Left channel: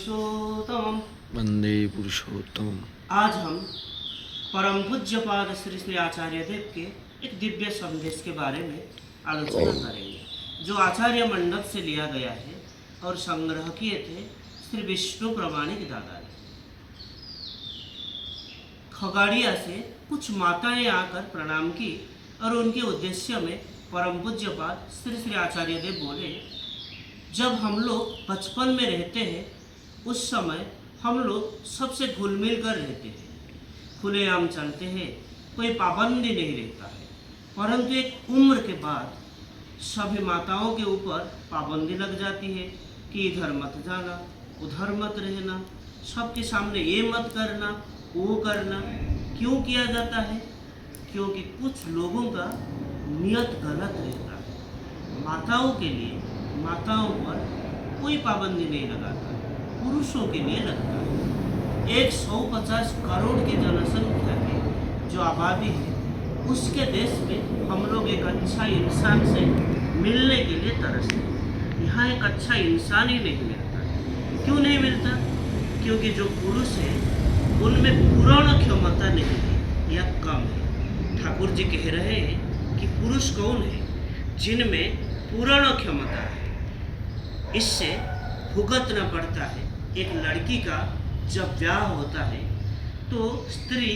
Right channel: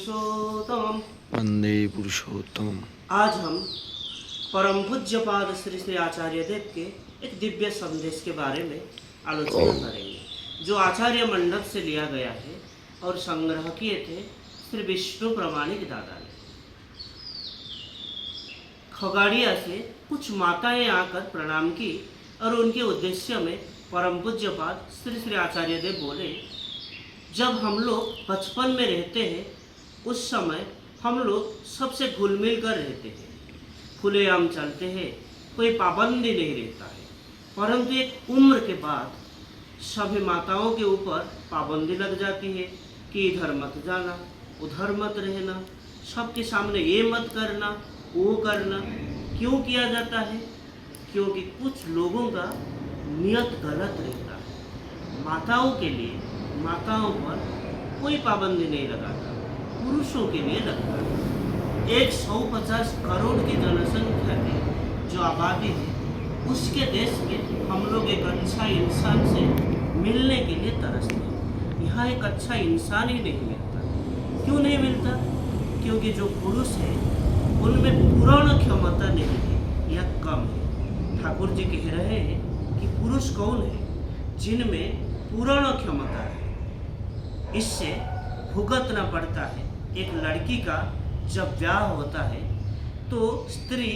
पुरुषोत्तम वंदे पुरुषोत्तम। आज हम परम पूज्यपाद श्री श्री आचार्य देव के एक दिव्य संदेश के बारे में आलोचना करेंगे, जो आचार्य मंडप से लिया गया है और संग्रह किए थे श्री विष्णु प्रमाणिक दादा ने। खगाड़िया से कुछ माताएं आकर प्रणाम की और उनके उद्देश्य में परम पूज्यपाद श्री श्री आचार्य देव बोले, जब हम लोग बचपन में रहते हैं उस समय हम लोग सबसे घुल मिल कर रहते हैं, खुलेआम चलते हैं, कोई पाबंदी नहीं रहता है। परंतु एक उम्र के बाद सभी माताओं के ऊपर पाबंदी लग जाती है कि इधर मत जाना, उधर मत रहना, सबके सामने ये मत करना, वो करना। क्यों किया जाता है? क्योंकि कुछ लोगों का नियत गलत रहता है। माताओं के लिए माताओं पर कोई पाबंदी नहीं लगाता, पुरुषों के लिए लगता है। 150 करोड़ की जनसंख्या की जो आबादी है, उसके देश में हम लोग एक अच्छा इंसान से मिलने के लिए तरसते हैं। यहाँ एक अच्छा इंसान ही नहीं मिलता। क्यों नहीं मिलता? क्योंकि जो पुरुष है उनमें पूर्ण क्षमता नहीं है या कम है। ठाकुर जी कह रहे हैं कि पुरुष कौन है? जिनमें पूर्ण क्षमता है। इससे भुगतना पड़ता है। एक लड़की का जब ब्याह होता है तो स्त्री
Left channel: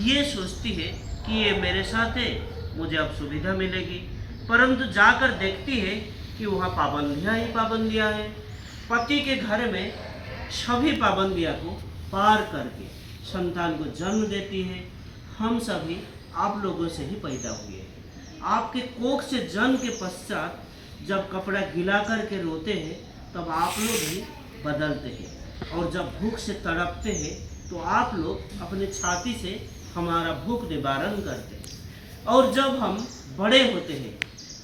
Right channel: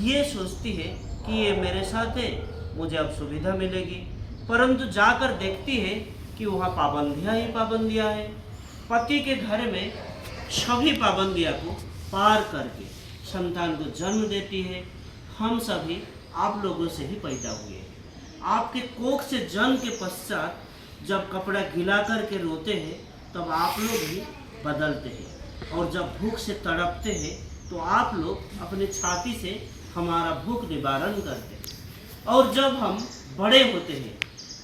ये सोचती है कि ये मेरे साथ है, मुझे अब सुविधा मिलेगी, परंतु जाकर देखती है कि वहाँ पाबंदियाँ ही पाबंदियाँ हैं। पति के घर में सभी पाबंदियाँ को पार करके संतान को जन्म देती है। हम सभी आप लोगों से ही पैदा हुए हैं। आपके कोख से जन्म के पश्चात जब कपड़ा गिला करके रोते हैं तब आप लोग भी बदलते हैं, और जब भूख से तड़पते हैं तो आप लोग अपने छाती से हमारा भूख निवारण करते हैं। और जब हम बड़े होते हैं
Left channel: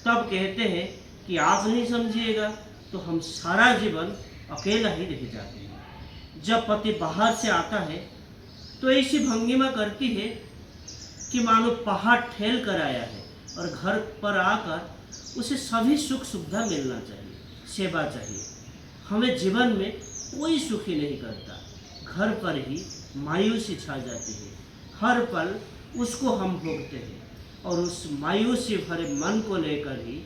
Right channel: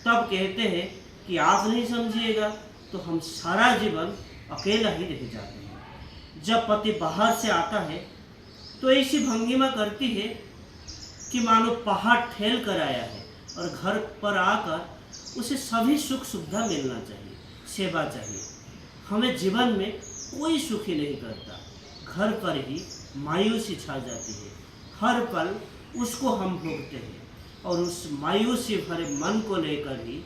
तब कहते हैं कि आप नहीं समझिएगा, तो हम सारा जीवन अकेला ही रह जाते हैं। जब पति बाहर से आता है तो ऐसी भंगिमा करती है कि मानो पहाड़ ठेल कर आया है और घर पर आकर उसे सभी सुख सुविधा मिलना चाहिए, सेवा चाहिए। हमें जीवन में कोई सुखी नहीं करता। घर पर ही मायूसी छा जाती है। हर पल उसको हम भोगते हैं और उस मायूसी भरे मन को लेकर ही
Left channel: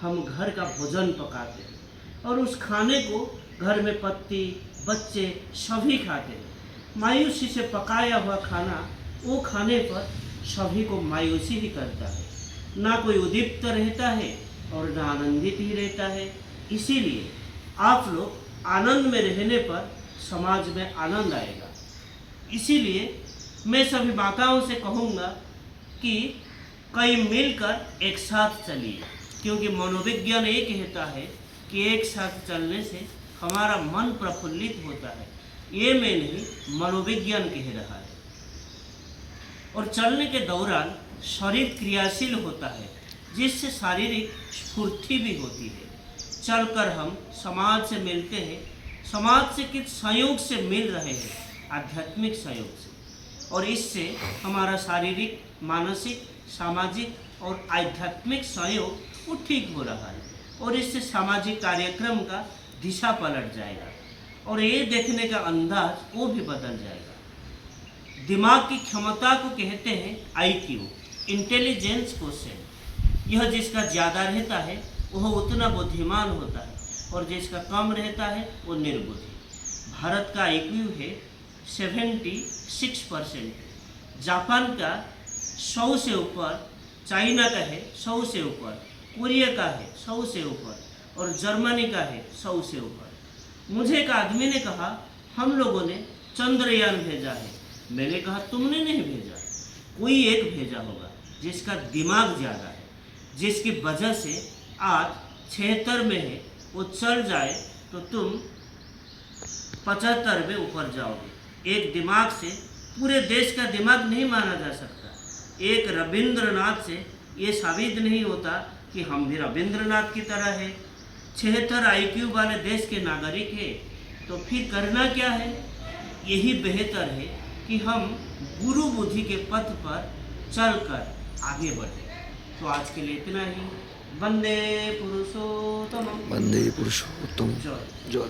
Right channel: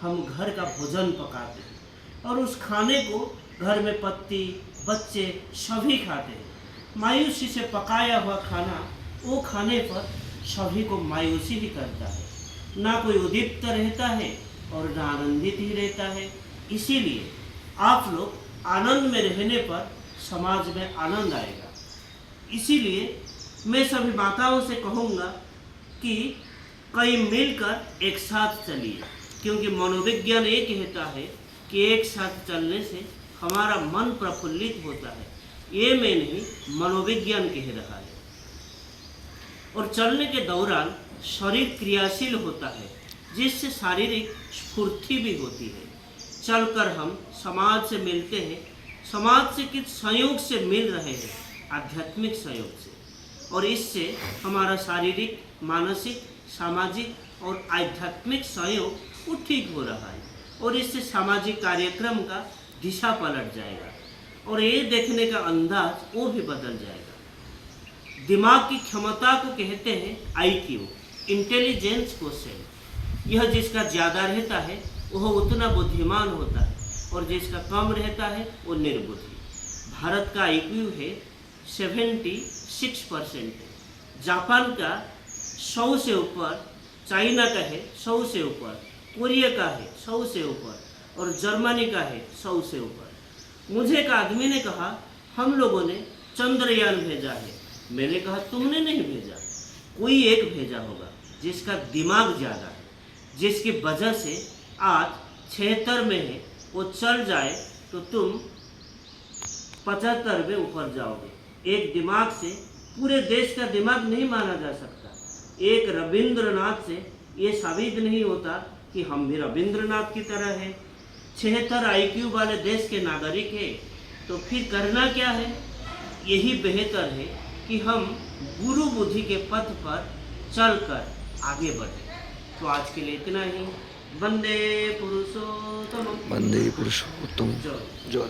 हम घर का भोजन पकाते हैं और उस खाने को घर में पति बच्चे सभी खाते हैं। मायूसी से पकाया हुआ खाना वो खाने पर सभी को मायूसी ही करता है। ना कोई उद्दीप्त रहता है और ना आनंदित ही रहता है। इसीलिए आप लोग आनंद में रहने पर समाज में आनंद आएगा। इसीलिए मैं सभी माताओं से कहूँगा कि कई मिलकर एक साथ चलिए, क्योंकि मनोविज्ञान ये कहता है कि एक साथ चलने से हमारा मन प्रफुल्लित होता है। ये मैं नहीं, मनोविज्ञान कह रहा है। और चलने के दौरान शरीर क्रियाशील होता है, जिससे शारीरिक स्फूर्ति भी होती है। चलकर हम समाज से मिलते हैं। समाज से किस संयोग से मिल रहे हैं? आध्यात्मिक संयोग से। और इससे हमारा शारीरिक, मानसिक, सामाजिक और आध्यात्मिक सहयोग वो ठीक हो रहा है, और इससे सामाजिक कार्यक्रम का दिशा पलट जाएगा और ये देखने का अंदाज वो भी बदल जाएगा। दिमाग की क्षमता को कहते हैं IQ, इंटेलिजेंस क्वोशिएंट। यह जिसका ज़्यादा रहता है वह उतना बुद्धिमान होता है, और जिसका कम रहता है वो निर्बुद्धि। भारत का IQ है 76%, जापान का 100 से ऊपर, चाइना का है 100 से ऊपर, कोरिया का है 100 से ऊपर, और जर्मनी का है 100 से ऊपर। मुझे एक आदमी ने कहा, हम लोगों ने चंद्रयान भेजा है। मैंने कहा, तुमने नहीं भेजा, कोई एक भेजा होगा जिसका दिमाग ज़्यादा है, जिसकी वजह से आज 76 में है, वो चल जाए तो तुम 75 में ऊपर जाओगे। एक दिमाग से पूरे देश का दिमाग नहीं माना जा सकता। एक रविंद्रनाथ से ये साबित नहीं होता कि हम भी रविंद्रनाथ की तरह है। 76 IQ वाले देश के नागरिक है, तो फिर करना क्या है? यही बेहतर है कि हम गुरु बुद्धि के पथ पर चलकर आगे बढ़े। तो आज के लिए इतना ही। वंदे पुरुषोत्तम। वंदे पुरुषोत्तम। जय। जय।